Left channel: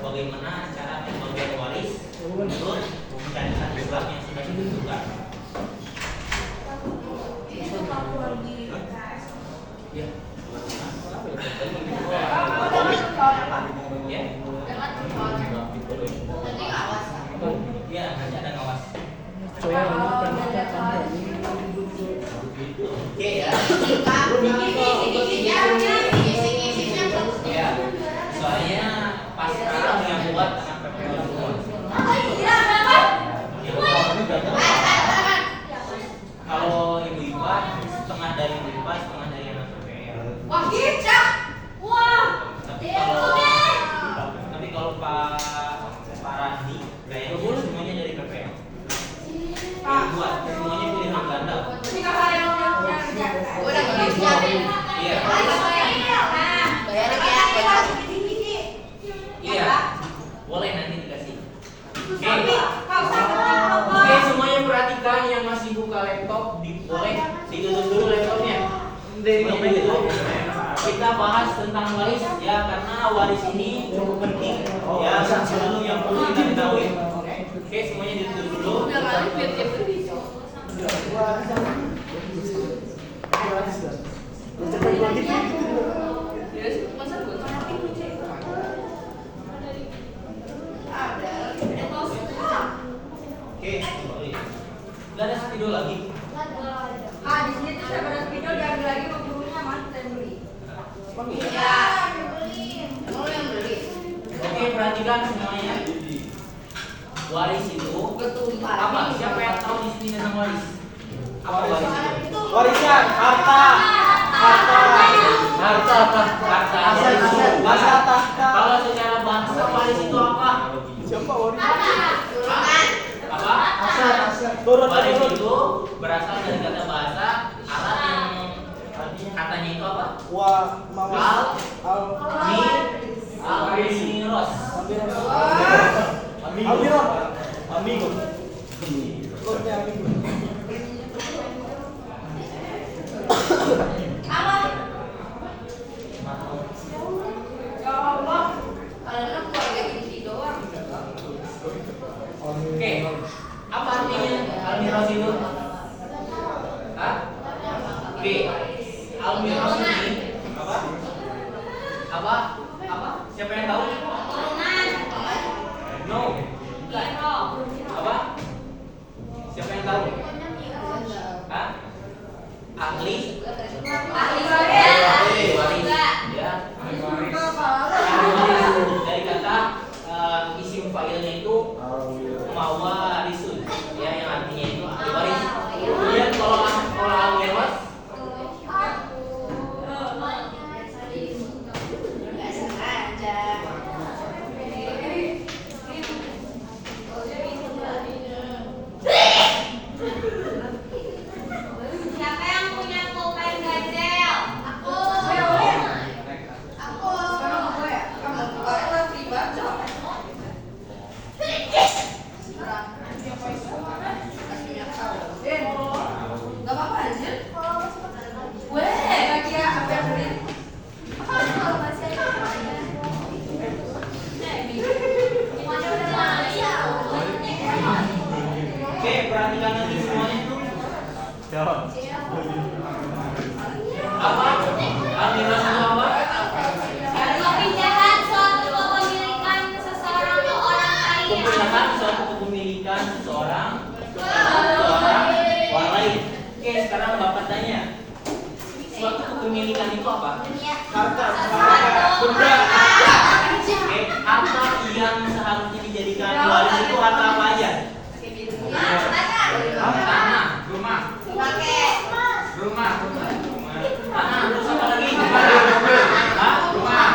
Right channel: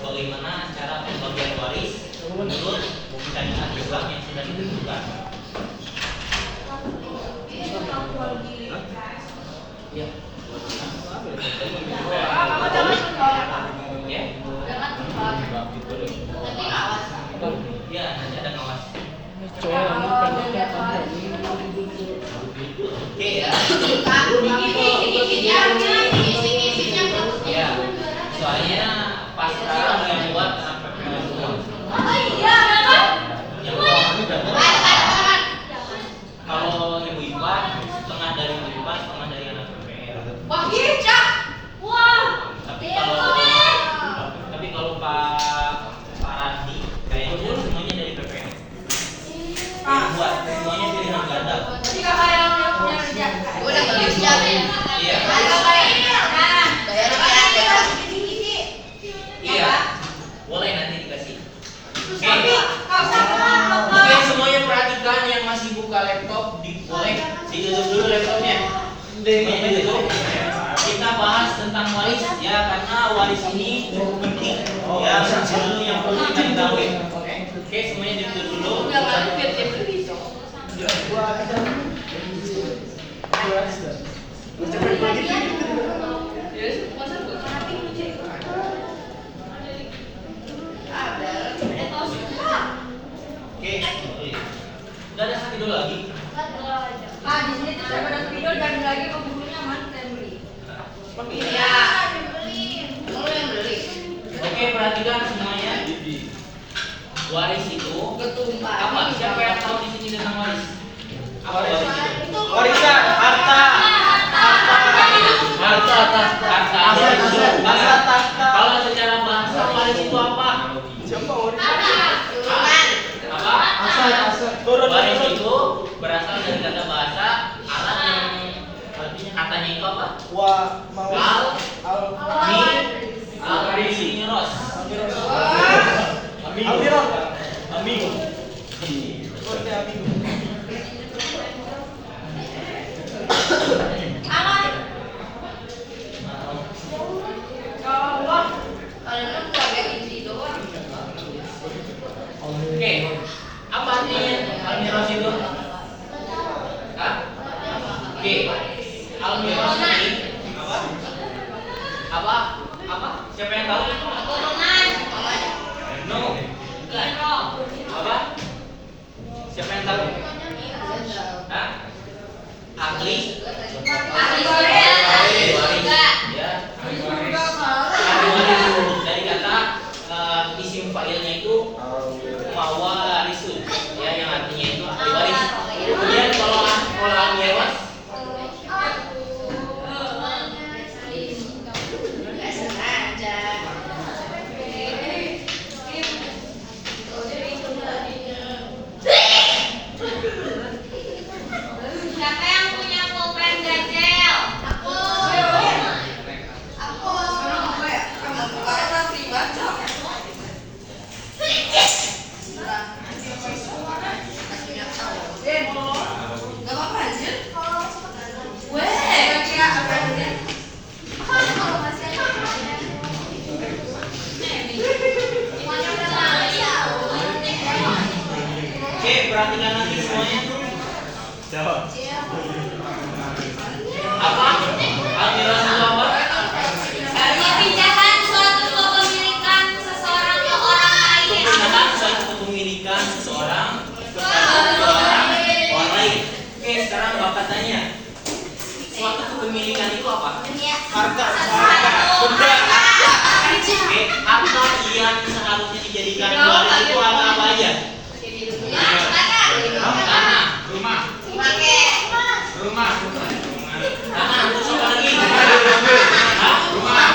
Bagaimana cara pembagian waris menurut syariat Islam yang sudah ditentukan. Ya. Ya, nanti ada ngawas. Oke ya. Ya. Soalnya pasrah yang buat sampai semua. Kalau ibu IPA setengah dari ibu IPA, setengah dari anak PPR. Wah, gitu. Wah. Tapi kalau Pak Randi kayaknya semuanya dari PPR. Buat semuanya pilihan ganda. Jadi kakak yang kerja. Udah kerja. Iya. Iya. Boleh nanti dikasih. Oke, semuanya perhatikan yang masih buka laptop, boleh ditutup dulu laptopnya. Ditutup. Kita bahas tentang waris ya, karena waris ini cukup penting. Ya, dulu yang perlu kita ketahui. Oke, semuanya ditutup dulu. Oke, udah ada video lagi. Di sini tuh saya pada video dan lagi pemburunya mana yang beli? Iya, beli. Kamu yang beli. Oke, perhatikan semuanya. Waris itu apa? Siapa yang tahu di sini tentang waris? Apa waris itu? Warisan, harta. Harta itu bahasa. Kalau secara bahasa waris itu apa? Apa? Waris itu berasal dari kata bahasa Arab yang artinya katanya itu apa? Al-Miros. Amigo. Oke, apa artinya Al-Miros itu? Hah? Oke, Al-Miros ini apa? Siapa yang tahu? No. Apa? Siapa yang tahu? Hah? Ahli? Ya. Dari kata isim fa'ilnya itu mawarisun, ya, yang artinya itu ahli waris. Kemudian kalau al-mewas Siapa yang punya pulpen ganjel? Aku. memilihkan seseorang kepada orang lain. Oke, sekarang Bapak tanya, suatu kepemilikan itu apa? Harta. Benda. Oke, harta yang seharusnya dijadikan waris itu apa aja? Tanah, rumah. Tanah, terus apa lagi? Hah? Rumah.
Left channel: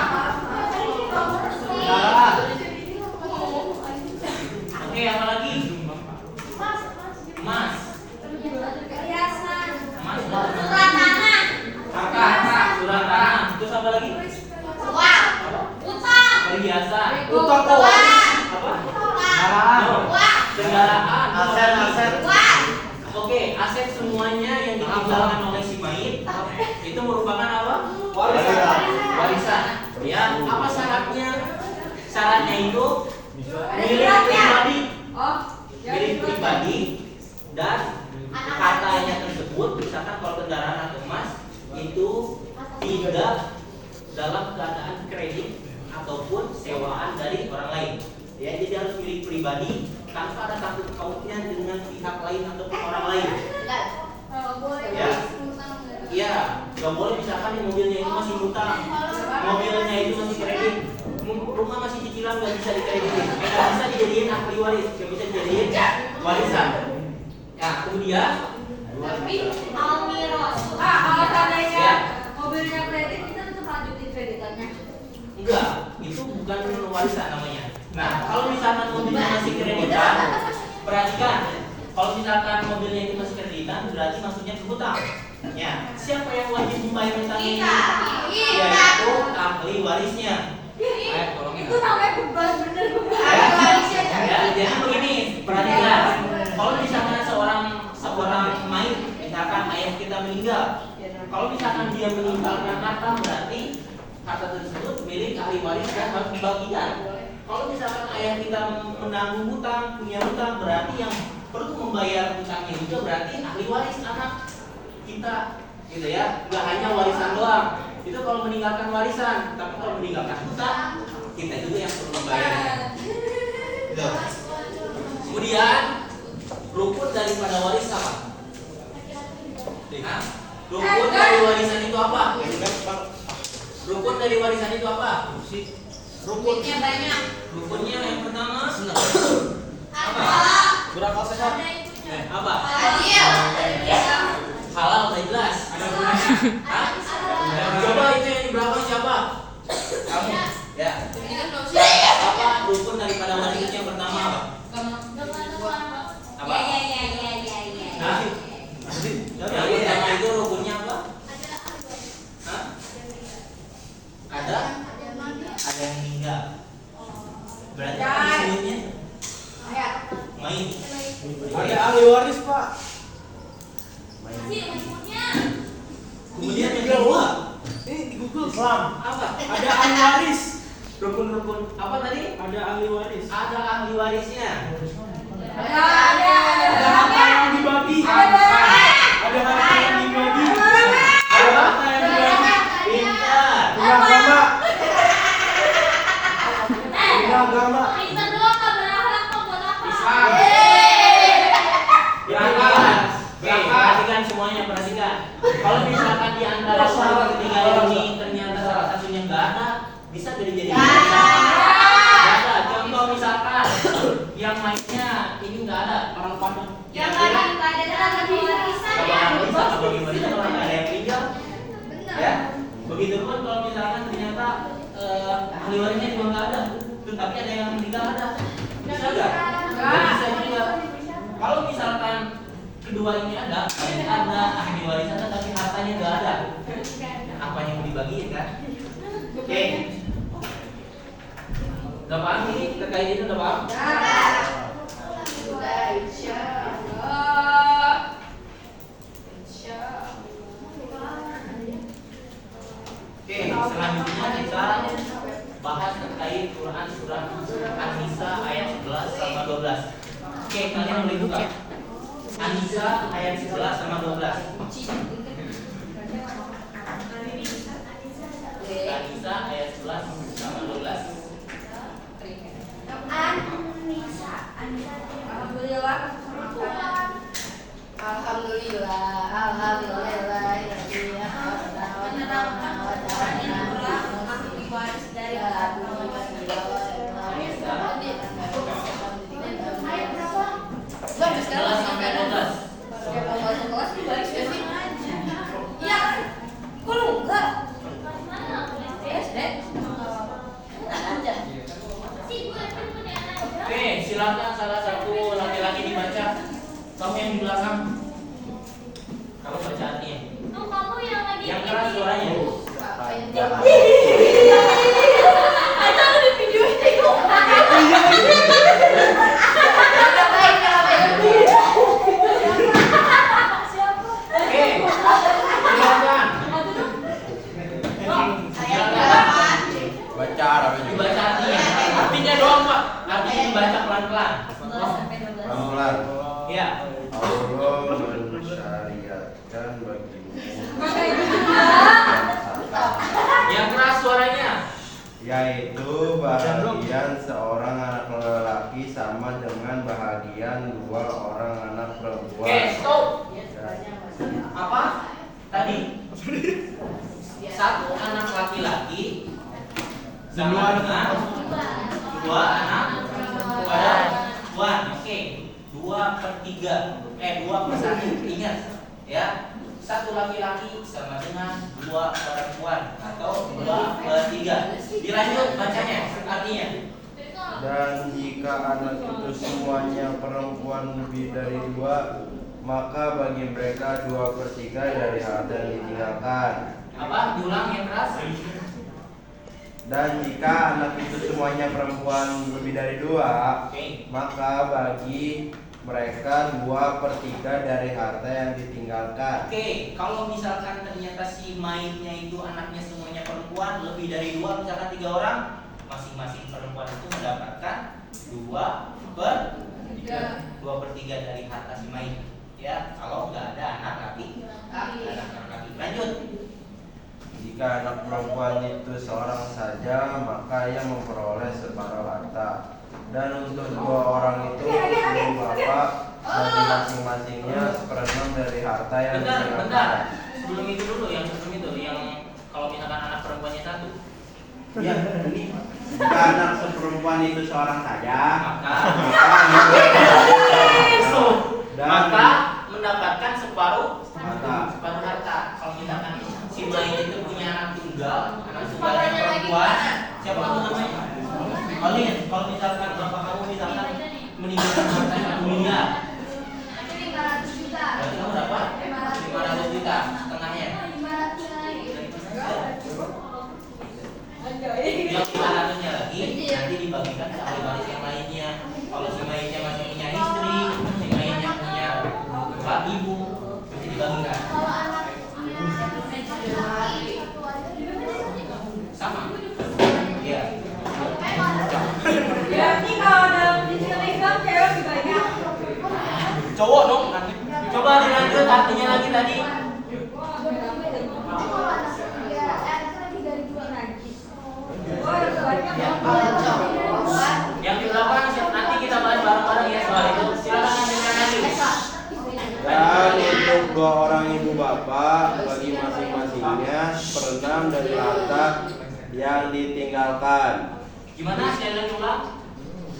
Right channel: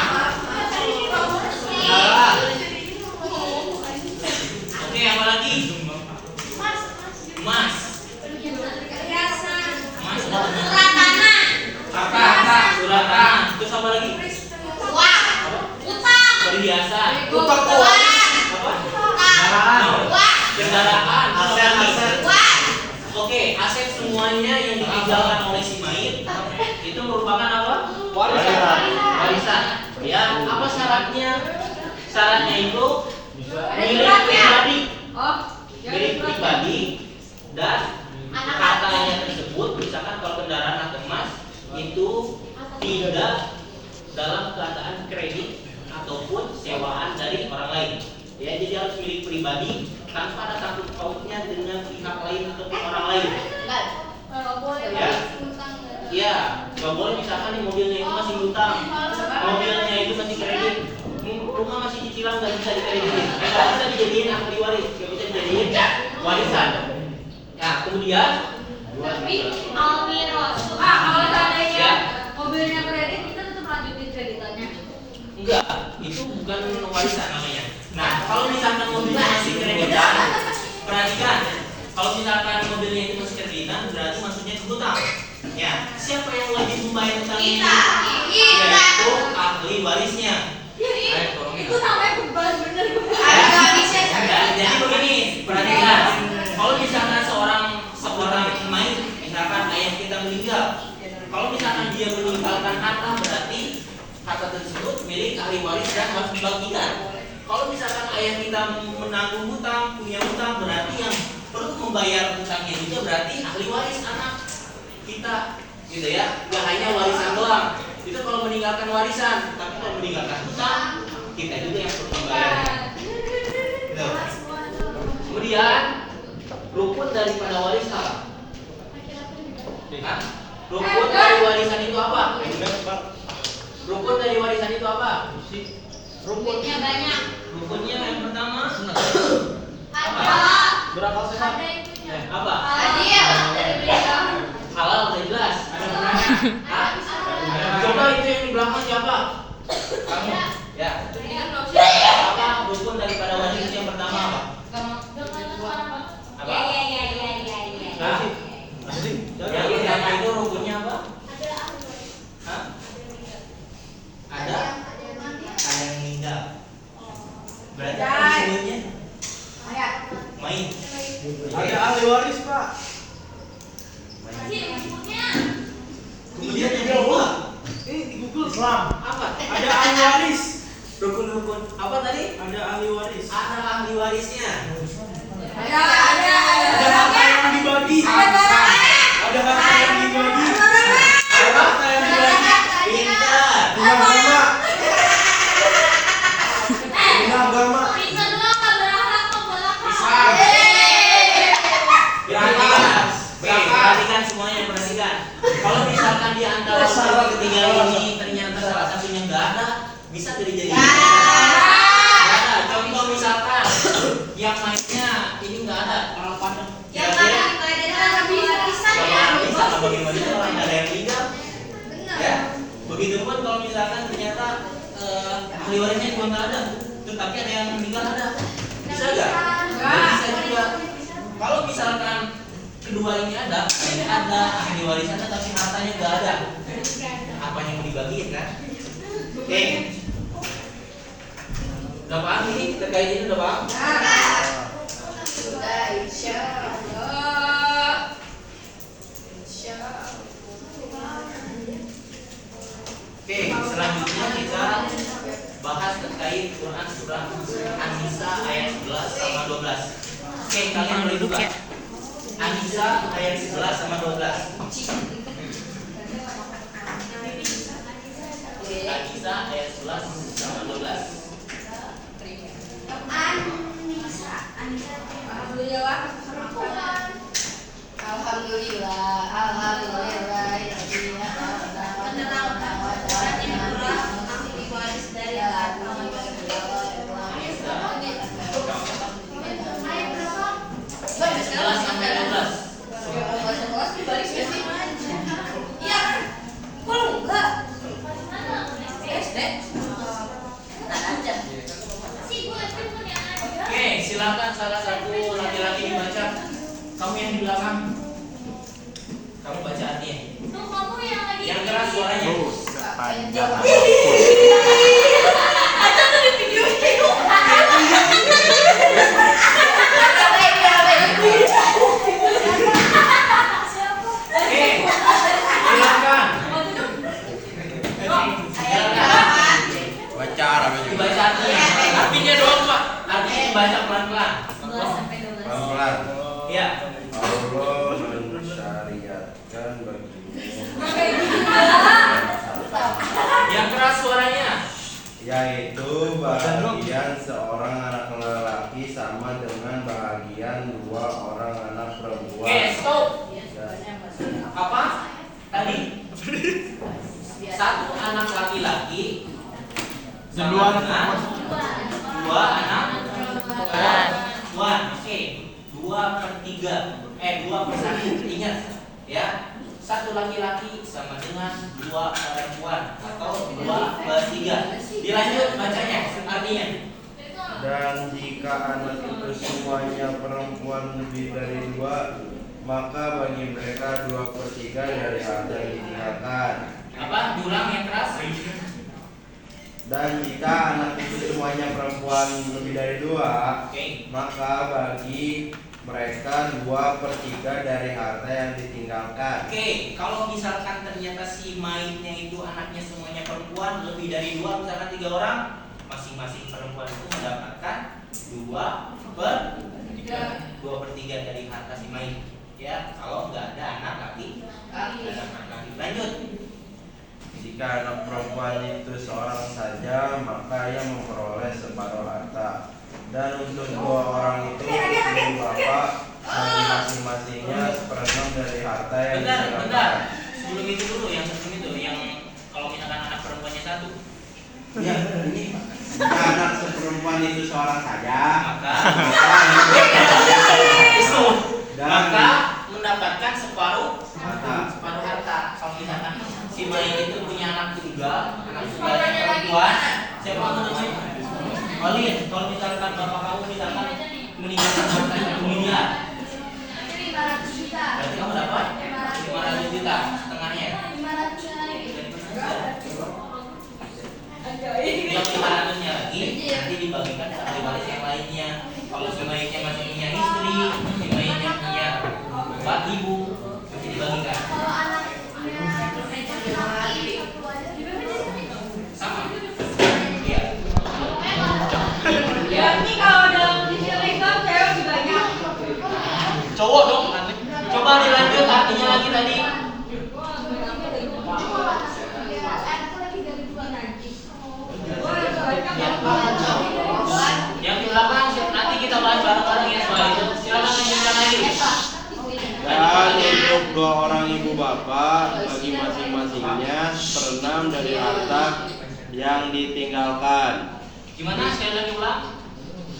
Salah. Oke, apa lagi? Emas. Emas. Surat tanah. Terus apa lagi? Perhiasan. Utang kok. Apa? Kendaraan. Aset. Oke, aset semuanya yang ditinggalkan oleh si mayit itu merupakan apa? Warisan. Ya, apa syaratnya? Syaratnya itu milik pribadi. Milik pribadi dan hartanya tersebut, misalkan kalau kendaraan atau emas itu tidak dalam keadaan kredit ataupun sewaan dari orang lain. Ya, jadi harus milik pribadi tanpa ada sangkut pautnya dengan pihak lain ataupun orang lain. Ya, nggak boleh misalkan nih mobilnya itu masih hutang, mobilnya itu masih kredit, rumah masih cicilan nggak bisa dikreditin, nggak bisa dijadiin ahli waris, nggak bisa dijadiin warisan. Nah, kemudian kalau seandainya mobilnya kredit, kita tetap lanjutin kreditannya. enggak, itu bukan warisan namanya. Nah, kalau misalkan mobilnya masih kreditan, perhatikan, kalau misalkan mobilnya itu masih kreditan, berarti maksudnya hutang. Ya, siapa yang wajib membayar hutang ini? Yaitu ahli warisnya. Itu namanya beban, bener. Ya, jadi begini, perhatikan. Kalau misalkan seorang mayit, misalkan ayah kita meninggal, kalau misalkan dia meninggalkan harta, berarti harta tersebut milik ahli waris dan harus dibagikan. Kalau misalkan ayah kita menanggung hutang, punya hutang, berarti yang perlu membayar hutangnya juga berarti ahli waris anak kita, gitu ya. Gak hanya warisan doang. Itu kalau meninggalkan warisan, tapi kalau meninggalkan hutang, kita juga yang perlu membayarnya. Gitu. Kemudian rukun daripada waris apa? Hah? Rukun dari warisan itu apa? Rukun dari warisan itu apa? Rukunnya banyak. Rukunnya yang pertama apa? Berapa sehat? Apa? Adil. Halal udah jelas. Hah? Coba itu yang di belakang siapa? Kamu. Ya. Apa rukun daripada warisan yang pertama apa? Apa? Hah? Yang pertama itu rukunnya apa? Hah? Ada yang meninggal. Berarti apa disebutnya? Mayit. Ada ahli waris, Pak. Kemudian yang kedua, Ini di Google Islam. apa? Ada ahli waris. Rukun-rukun apa tadi? Ada ahli waris. Ada ahli warisnya. Ada harta yang dibagi. Ada harta yang dibagi. Ada harta yang dibagi. Pintar. Bina agama. Perhatikan semuanya, perhatikan. Kalau misalkan di antara salah ketiga ini ternyata salah satunya nggak ada, bisa jadi nggak ada. Contoh misalkan yang lainnya ini nggak ada. Kira-kira bisa bagaimana orang nggak ada yang meninggal? Ya, begitu pun kalau misalkan ternyata ahli warisnya juga nggak ada, tetapi ada yang meninggal ada, bisa nggak? Nggak bisa juga. Kalau misalkan kedua ini ada ahli warisnya tapi hartanya nggak ada, apa yang mau dibagiin kan? Oke, udah paham ini terkait ini udah paham? Oke, selanjutnya kita bahas terkait Quran surah An-Nisa ayat 11 sama 12. Oke, kalian boleh buka An-Nisa ayat 11 sama 12. An-Nisa ayat 11 sama 12. Alhamdulillah Oke, silakan salah satu laki-laki dibaca. Kamu yang di belakang. Kamu baca artinya. Kamu yang lagi. Yang keras suaranya. Ada tuh di video itu. Oke, silakan. Baca Arabnya. Dibaca artinya. Artinya doang, Pak. Artinya dibaca pelan-pelan. 11 sampai 12. Pelan-pelan. Ya. Allah mensyariatkan bagimu Yang keras suaranya. yaitu bahagian seorang anak lelaki sama dengan bahagian 2 orang anak perempuan. Oke, stop. Dan Apa? Tadi? Satu anak laki-laki sama dengan 2 anak perempuan. Oke, 2/3. 2/1. Ingat ya. Satu laki-laki sama dengan 2 perempuan atau 2/3. Dilanjut bacanya artinya. Dan jika anak itu semuanya perempuan lebih dari 2, maka bagi mereka 2/3 dari harta yang ditinggalkan. Apa? Diulang yang keras. Dan jika anak itu semuanya perempuan lebih dari 2, Oke. maka bagi mereka 2/3 dari harta yang ditinggalkan. Oke, kalau misalkan ternyata si mayitnya itu anaknya semuanya perempuan lebih dari 2, misalkan 3 orang, masing-masing perempuan itu mendapatkan 2/3 dari harta si mayit. Ya, kalau nggak ada anak laki. Lanjut. Jika anak perempuan itu seorang saja, maka ia memperoleh separuh harta. Dan untuk 2 orang itu ibu bapak bagi masing-masingnya 1/6 dari harta yang Bentar. ditinggalkan. Sebelum itu dulu, yang sebelum itu, yang kalau misalkan anak perempuannya 1, Ya, ini jika anak seperempuan itu seorang saja, maka dan maka mendapatkan separuh harta. harta. Kalau misalkan si mayit itu punya anak tunggal yang perempuan, siapa kamu namanya? Olin, kalau misalkan bapak kamu misalkan meninggalkan harta 1 miliar, berarti kamu dapat 500 juta setengahnya. Yang 500-nya lagi nanti dibagikan ke ahli waris yang lainnya. Kalau si mayitnya masih punya istri, si mayitnya punya bapak ibu, itu dibagikan. Sama. Iya. Ya, ini kalau dalam istilah Islam cewek dibagi. Cowok dong. Coba dilanjut artinya lagi tadi. Yang di belakang nanti kita bahas bareng-bareng ya soal itu. Silakan lanjutkan lagi. Dan untuk 2 orang ibu bapak bagi masing-masingnya 1/6 dari harta yang ditinggalkan. Gimana? Saya lagi ulang.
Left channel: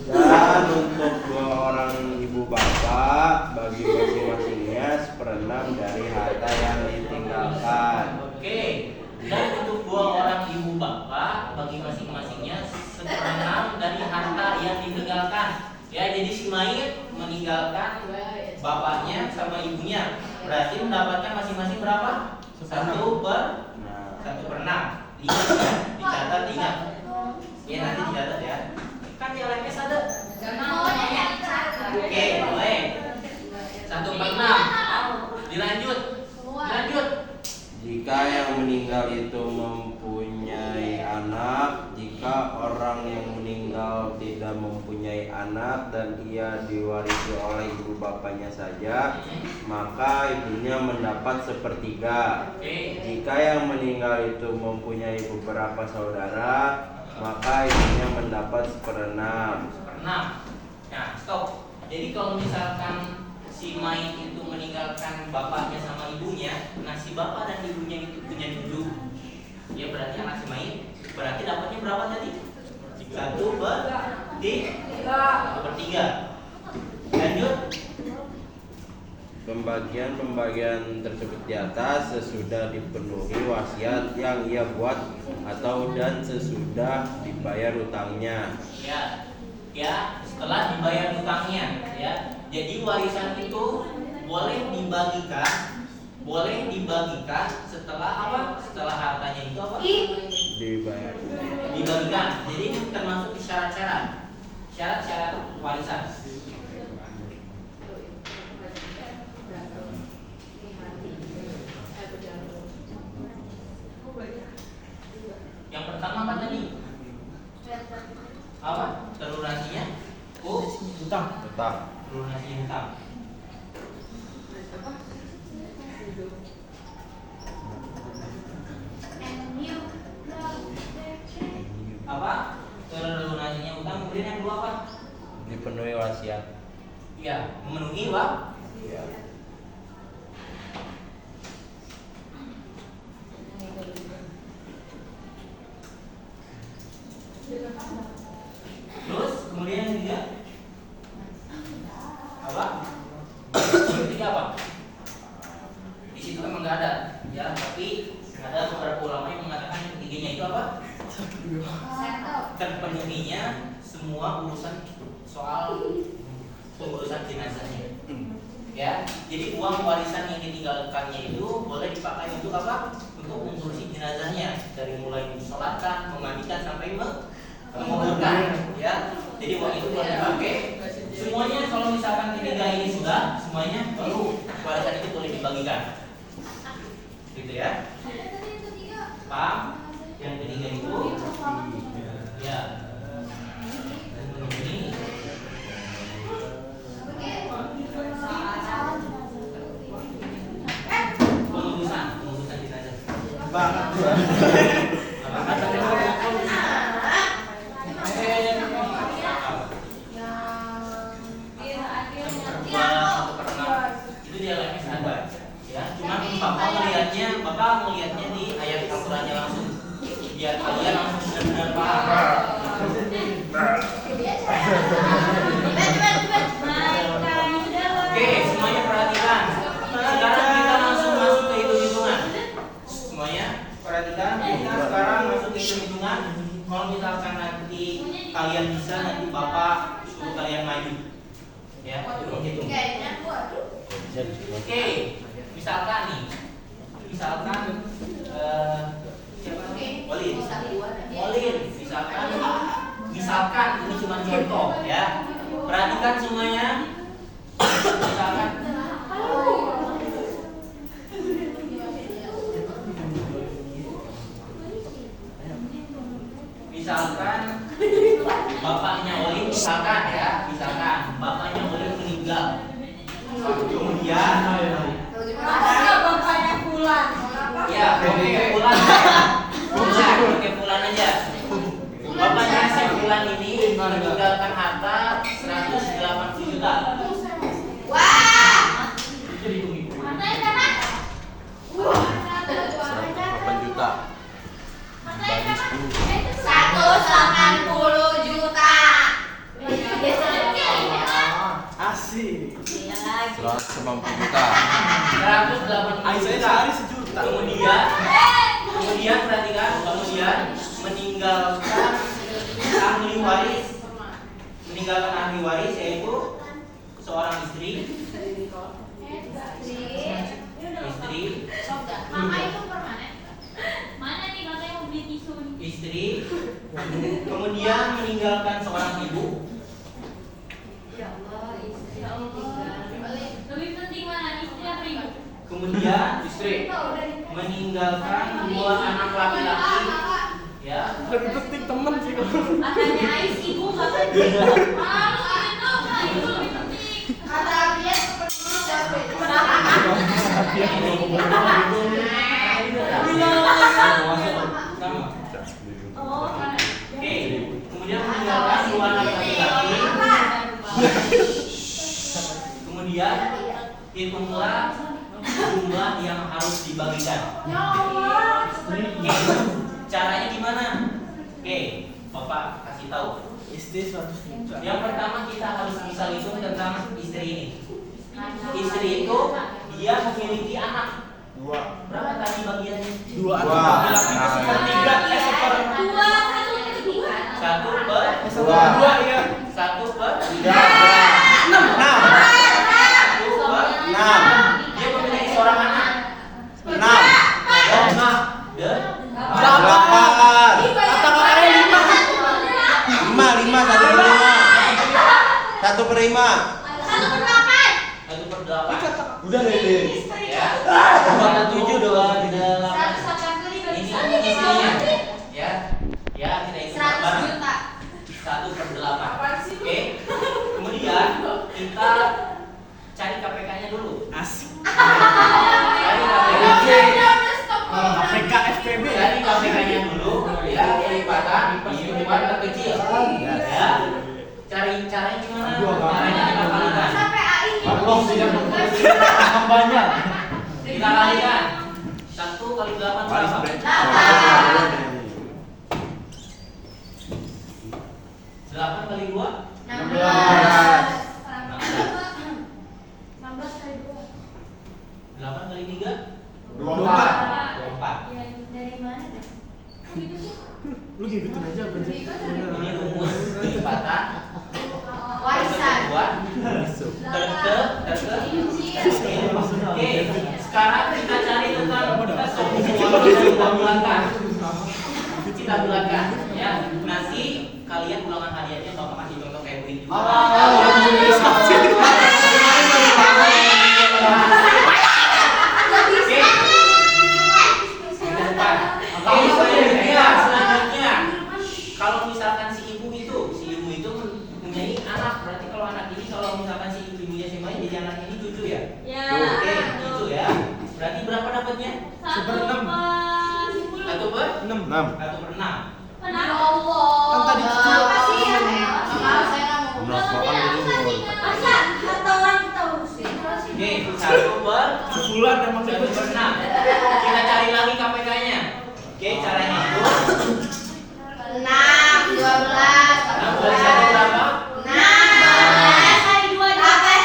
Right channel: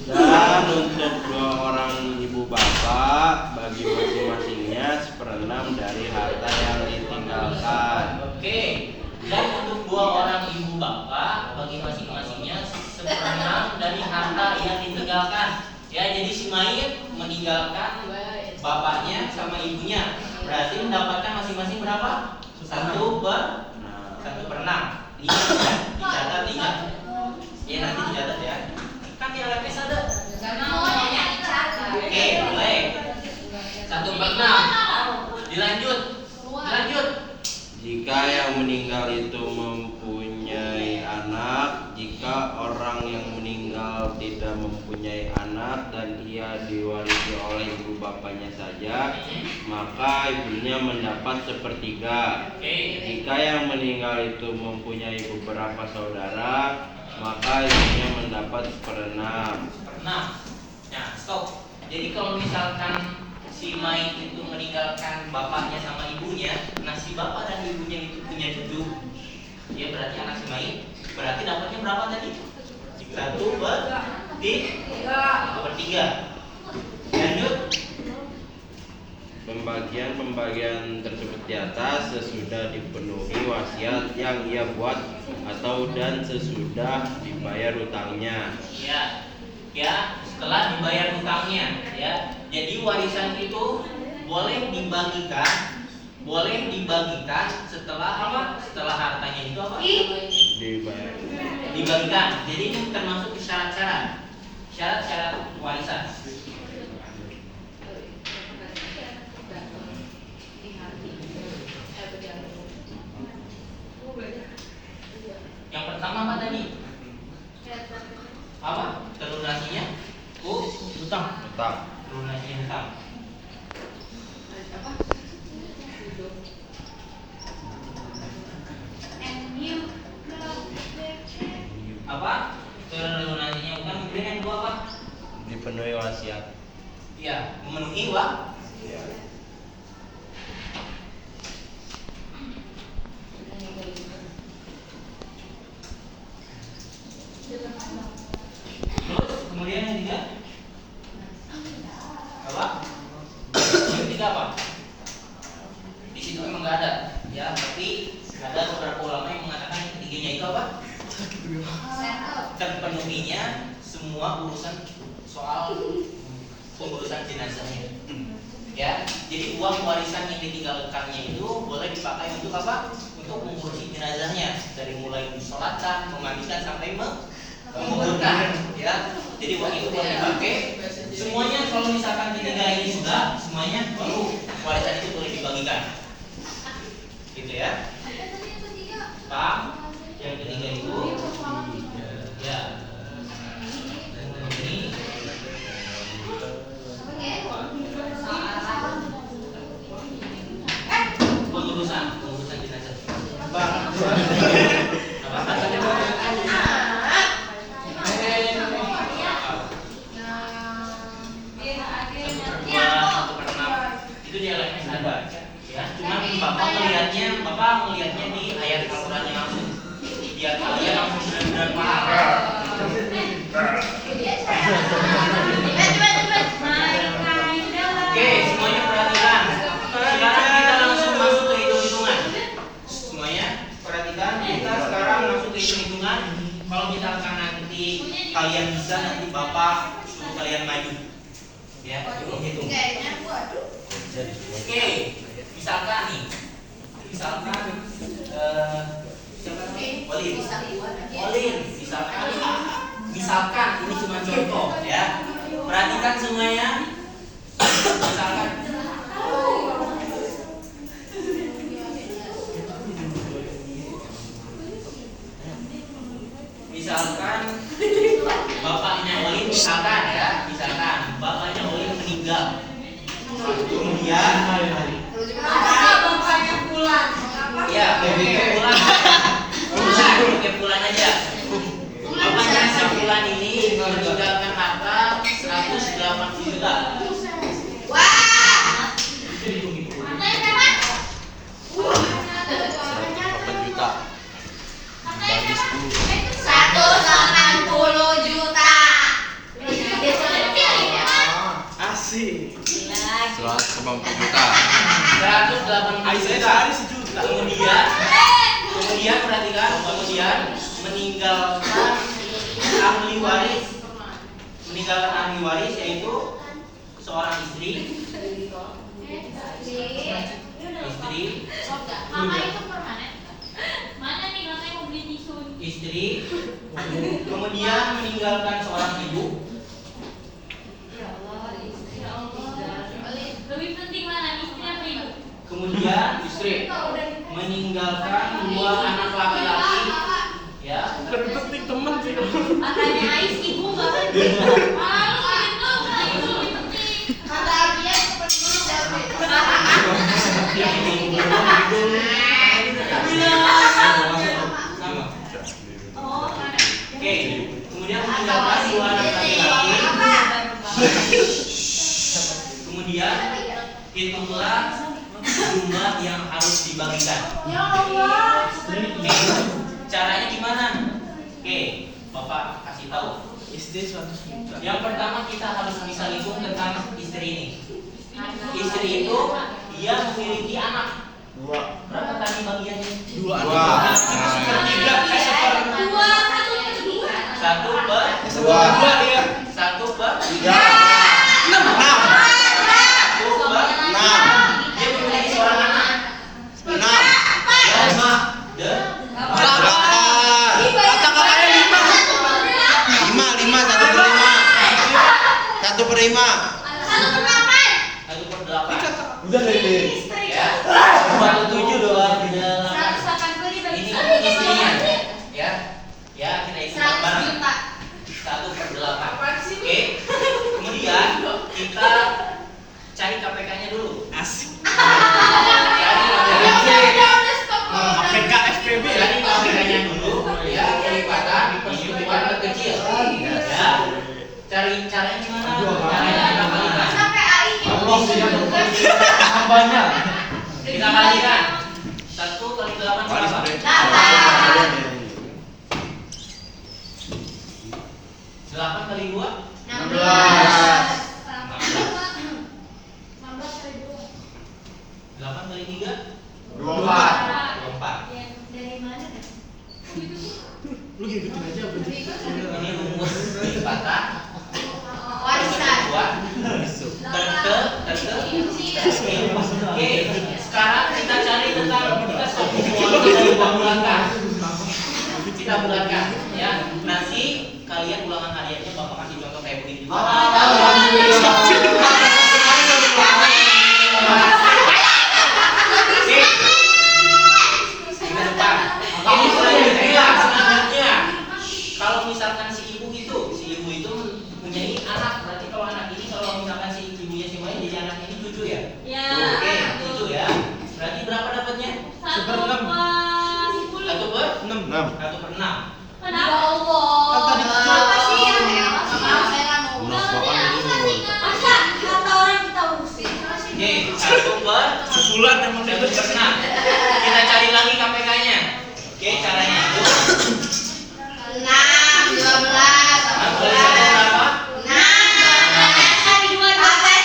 Dan untuk 2 orang ibu bapak bagi masing-masingnya 1/6 dari harta yang ditinggalkan. Oke. Dan untuk 2 orang ibu bapak bagi masing-masingnya 1/6 dari harta yang ditinggalkan. Ya, jadi si mayit meninggalkan bapaknya sama ibunya. Berarti mendapatkan masing-masing berapa? 1/6. Ingat ya, dicatat, ingat. Ya nanti dicatat ya. Kan di LMS ada. Oke, mulai. 1/6. Dilanjut. Jika yang meninggal itu mempunyai anak, jika orang yang meninggal tidak mempunyai anak dan ia diwarisi oleh ibu bapaknya saja, maka ibunya mendapat 1/3. Oke. Jika yang meninggal itu mempunyai beberapa saudara, maka ibunya mendapat 1/6. Nah, stop. Jadi kalau misalkan si mayit itu meninggalkan bapaknya sama ibunya, nah si bapak dan ibunya itu punya cucu, ya berarti anak si mayit, berarti dapatnya berapa tadi? 1/3. Lanjut. Pembagian tersebut di atas sesudah dipenuhi wasiat yang ia buat atau dan sesudah dibayar hutangnya. Ya, stop. setelah dibayar hutangnya, ya. Jadi warisan itu boleh dibagikan setelah apa? Setelah hartanya itu apa? Dibagikan. Jadi ini termasuk syarat-syarat warisan. Yang pertama apa tadi? Apa? Terlunasinya? Hutang. Terlunasinya hutang. Apa? Terlunasinya hutang. Kemudian yang kedua apa? Dipenuhi wasiat. Iya, memenuhi wasiat. Terus kemudian yang ketiga apa? Yang ketiga apa? Di situ memang nggak ada, ya. Tapi ada beberapa ulama yang mengatakan yang ketiganya itu apa? Terpenuhinya semua urusan soal pengurusan jenazahnya. Ya, jadi uang warisan yang ditinggalkannya itu boleh dipakai untuk apa? Untuk mengurusi jenazahnya, dari mulai disolatkan, memandikan sampai menguburkan. Ya, jadi uang itu boleh dipakai. Semuanya kalau misalkan ketiga ini sudah, semuanya baru warisan itu boleh dibagikan. Gitu ya. Paham? Yang ketiga itu, ya. Ini pengurusan jenazah. Itu dia lainnya ada, ya. Cuma bapak melihatnya di ayat Al-Qur'annya langsung, biar kalian langsung benar-benar paham. Oke, semuanya perhatikan. Sekarang kita langsung masuk ke hitung-hitungan. Semuanya perhatikan. Kita sekarang masuk ke hitung-hitungan. Kalau misalkan nanti kalian bisa, nanti bapak suruh kalian maju. Ya, hitung. Oke, misalkan nih, Walin, misalkan ini cuma contoh, ya. Perhatikan semuanya. Misalkan bapaknya Walin, bapaknya Walin meninggal. Kemudian bapaknya Pulan. ya, Pulan aja. Bapaknya si Pulan ini meninggalkan harta 180 juta. Wah. 180 juta. Asik. 190 juta. 180 juta. Kemudian perhatikan, meninggalkan ahli waris yaitu seorang istri. Mama itu permanen. Mana nih katanya mau beli tisu? Istri. Kemudian meninggalkan seorang ibu. Ya Allah. Lebih penting mana istri apa ibu? Kemudian istri meninggalkan 2 anak laki-laki. Ya. Lebih penting temen sih. Katanya Ais ibu nggak penting. Itu lebih penting. Kata dia penting Oke, kemudian meninggalkan 2 anak laki-laki. Kemudian hitunglah jumlah yang harus dibagikan. Ya Allah. Oke, caranya gimana? Oke, Bapak kasih tahu. SD 100 juta. Yang pertama kita harus bisa hitung tentang istri ini. Istri itu dia memiliki anak. 2. Berapa tadi bagiannya? 2. 2. Satu per 2. Ya. 1 per Tiga. Enam. Dia memiliki seorang anak. Enam. Dan Delapan. Lima. Satu per lima. satu per delapan. Udah Lele. Ya. 27 doang di dalam. 185 Ini bagi isinya. Ya. Ya, kita isi 100 bareng. juta. 1 per 8. Oke. Kemudian kita cari KPK-nya dulu. Asik. Cari KPK-nya. KPK FPB ya. Cari KPK-nya dulu. Ya, kelipatan buat terkecil. Ya. Cari caranya gimana? Caranya kita kalikan. Sampai AI Hambanya. Kita kalikan. 1 kali 8 berapa? 8 kali 2? 8 kali 3? 24. Dari mana deh? Lu gitu aja. Ini rumus kelipatan. Warisan. Oke, sekarang kita cari tentang kita satu kita bulatkan. Kita bulatkan, ya. Nanti kalian ulangan hariannya bapak kasih contoh kayak begini. Selanjutnya, kalau misalkan si ibu itu mempunyai anak, berarti kalau anak ini kalau misalkan si ibunya si Mai jadi anak ini cucu ya? Ya. Oke, cucu ya. Berarti berapa dapatnya? 1 per 1 per 6. 1 per 6. Kenapa Allah? Kan tadi Kenapa sih ya? Saya nggak mau. Masa kata orang kita urusin? Oke, 1 per Sebulan emang 1 per 6. Kita cari lagi KPK-nya. Oke, caranya itu 6, 12, 6 kali 1 berapa? 6, kali 2,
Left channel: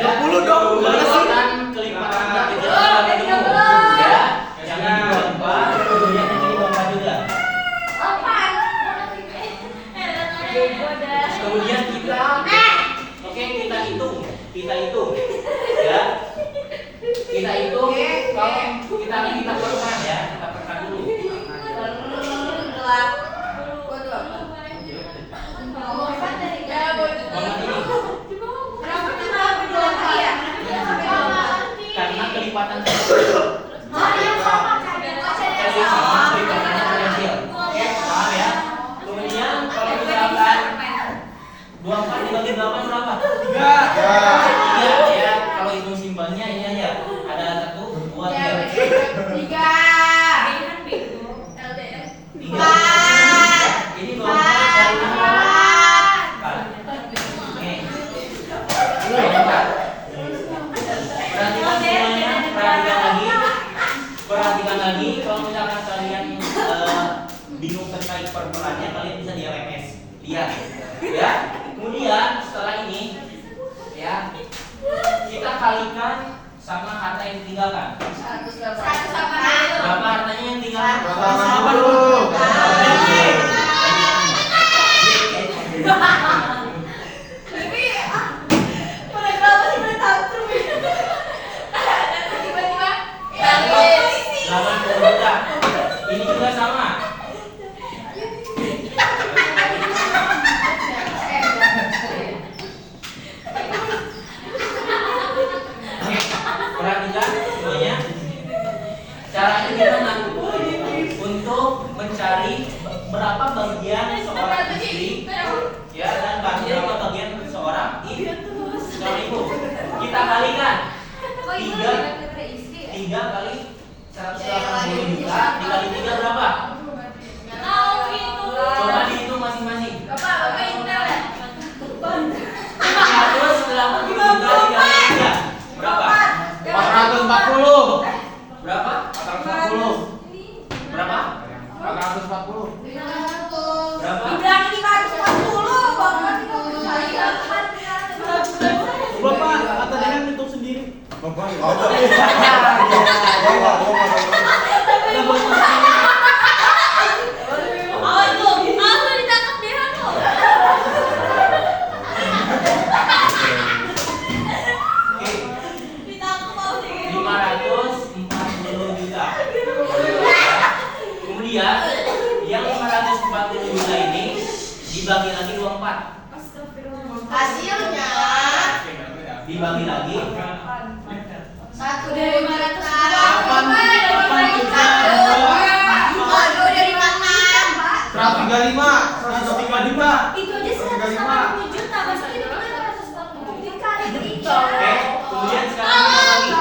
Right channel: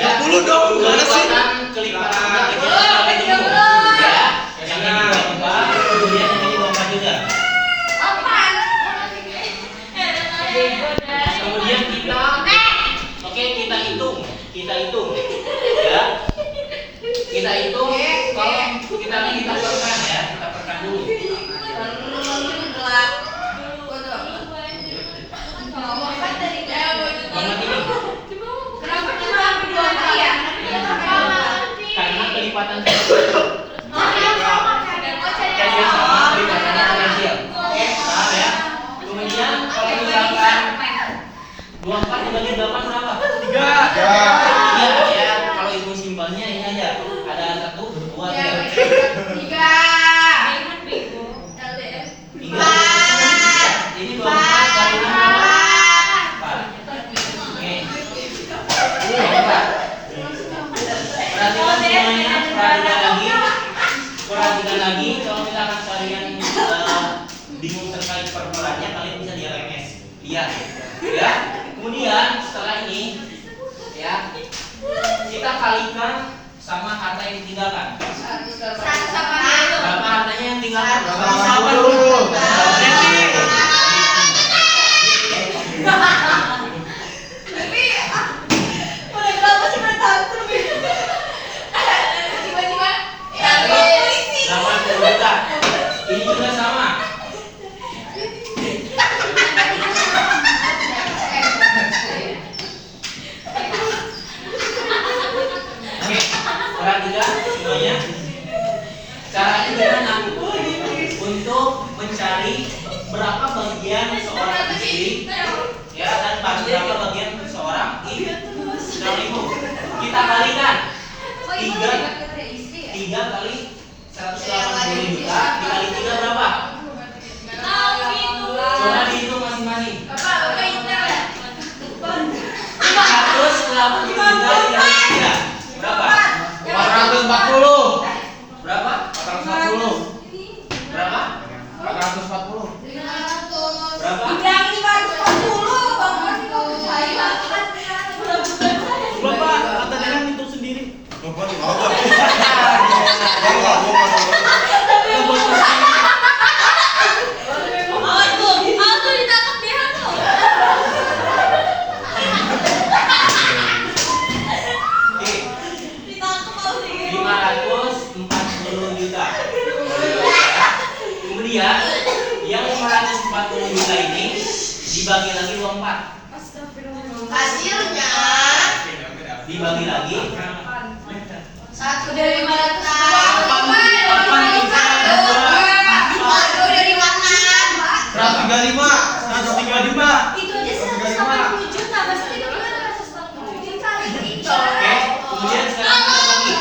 20 dong. Gimana sih? Kelipatan kelipatan ya. Yang ini 24, kemudian yang ini 24 juga. Kemudian kita kita hitung ya. Kita hitung kalau kita perkan ya, kita perkan dulu. Karena kelipatan paham ya? Kemudian kalau misalkan 24 dibagi 8 berapa? 3 ya, kalau hitung simbolnya ini aja. Ada 1, 2, 3. 3. Jadi 24 kali 6 berapa? 4. Oke. 24. Perhatikan semuanya, perhatikan lagi kalau misalkan kalian bingung terkait permulannya, kalian bisa di LMS lihat ya. Kemudian setelah ini ya, kita kalikan sama harta yang ditinggalkan. Berapa hartanya yang tinggalkan? 80 juta. Ini juga sama. Oke, perhatikan semuanya. Caranya gimana? Untuk mencari berapa bagian seorang istri ya, dan berapa bagian seorang ibu. Kita kalikan 3 kali 180 juta dikali 3 berapa? Coba dihitung masing-masing. 180 juta dikali 3 berapa? 440. Berapa? 440. Berapa? 440. Berapa? Dibilangin 540, Bang. Langsung ditangkap dia lo. Oke, Ditangkap kalau 540 juta. Kemudian yang 540 juta ini dibagi lagi 24. hasilnya Dibagi lagi satu dari 500 135. itu aja 180 juta pasti itu 180 juta itu. Oke, kemudian sekarang kita bagi.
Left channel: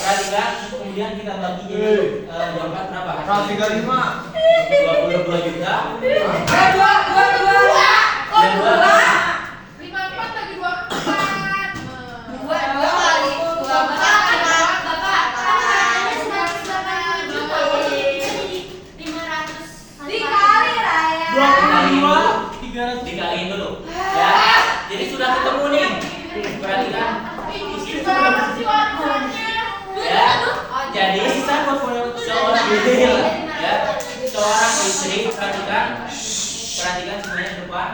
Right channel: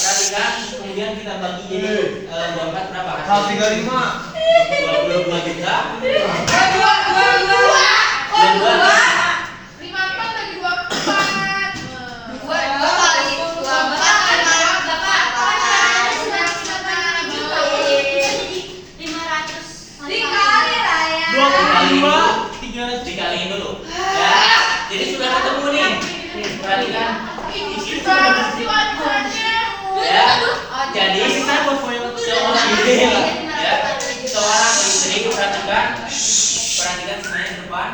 Perhatikan, kemudian kita bagi jadi 24 berapa? 22 juta. Dan 54 bagi 24. 2 kali 25 dikaliin dulu. Ya. Jadi sudah ketemu nih. Perhatikan. Di sini sudah ya. Jadi seorang istri perhatikan semuanya di depan.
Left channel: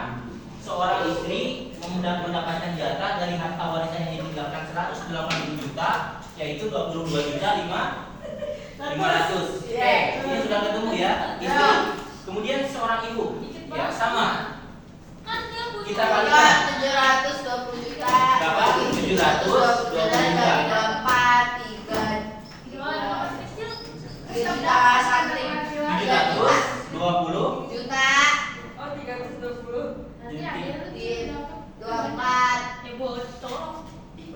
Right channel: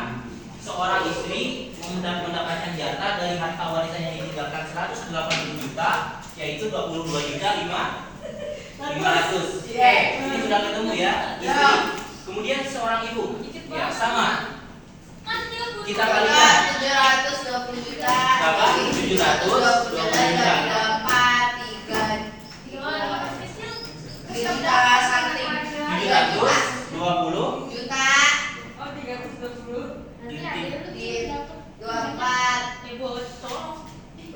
Seorang istri mendapatkan jatah dari harta warisan yang ditinggalkan 180 juta, yaitu 22 juta 500. Oke, ini sudah ketemu ya. Istri. Kemudian seorang ibu, ya sama. Kita kalikan. 720 juta. Berapa? 720 juta. 720 juta.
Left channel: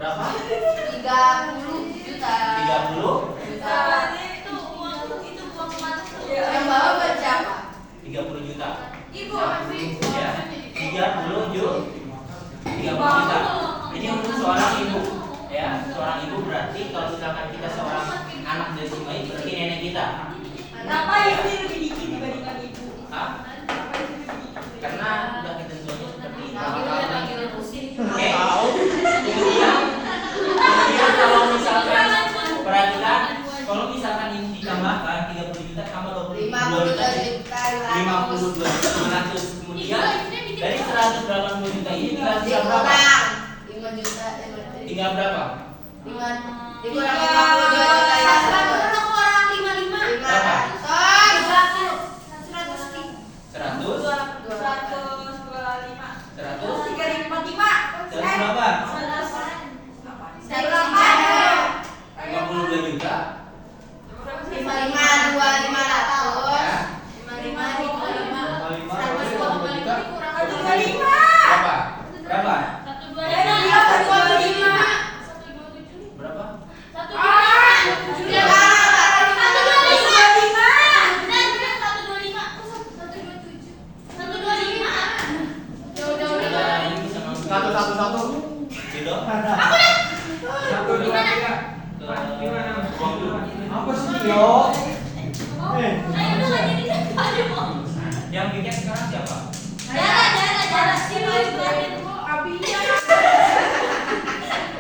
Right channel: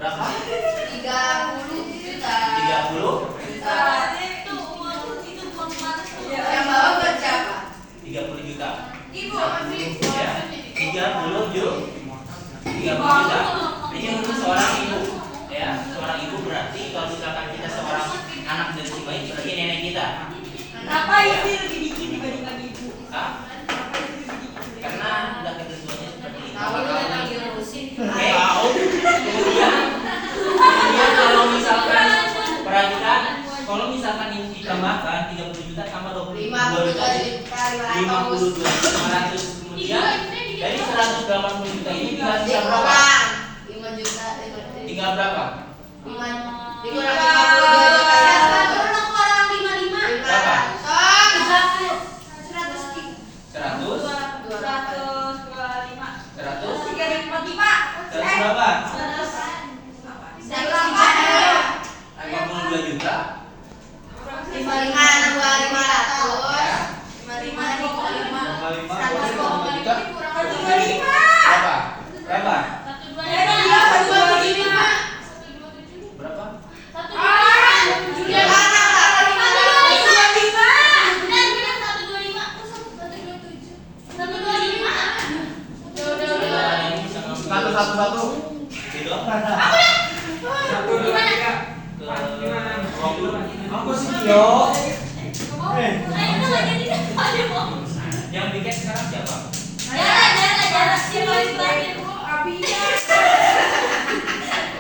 berapa? 30 juta. 30 Yang bawah berapa? 30 juta. Ibu. Ya. 30 juta. Ini untuk seorang ibu. Ya, seorang ibu berarti kalau misalkan kita seorang anak dan bayi berarti nenek kita. Kenapa itu lebih dikit dibandingkan ibu? Hah? Karena udah ketentuannya seperti itu. Oke. Tahu. Kemudian kalau misalkan perhatikan, kalau misalkan ini ditambahkan 30 juta tambah 22 juta, 52 juta 500. Kemudian dari 180 juta ini tinggal sisa berapa? 5 juta. Tinggal berapa? 5 dikurang 50 juta ya. Orang 55. Berapa? 100. 100 berapa? 52 juta. 55. Berapa? Berapa? Ini sama 111. gitu. Apa sih, Yo? Yang bikin sekarang siapa?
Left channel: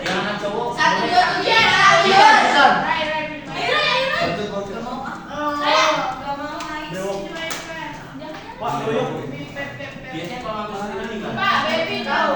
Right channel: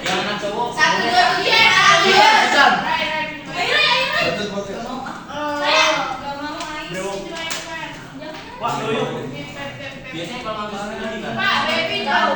Yang anak cowok. Wah, yoyo. Biasanya kalau ngambil sekarang di mana? Pak, baby tahu.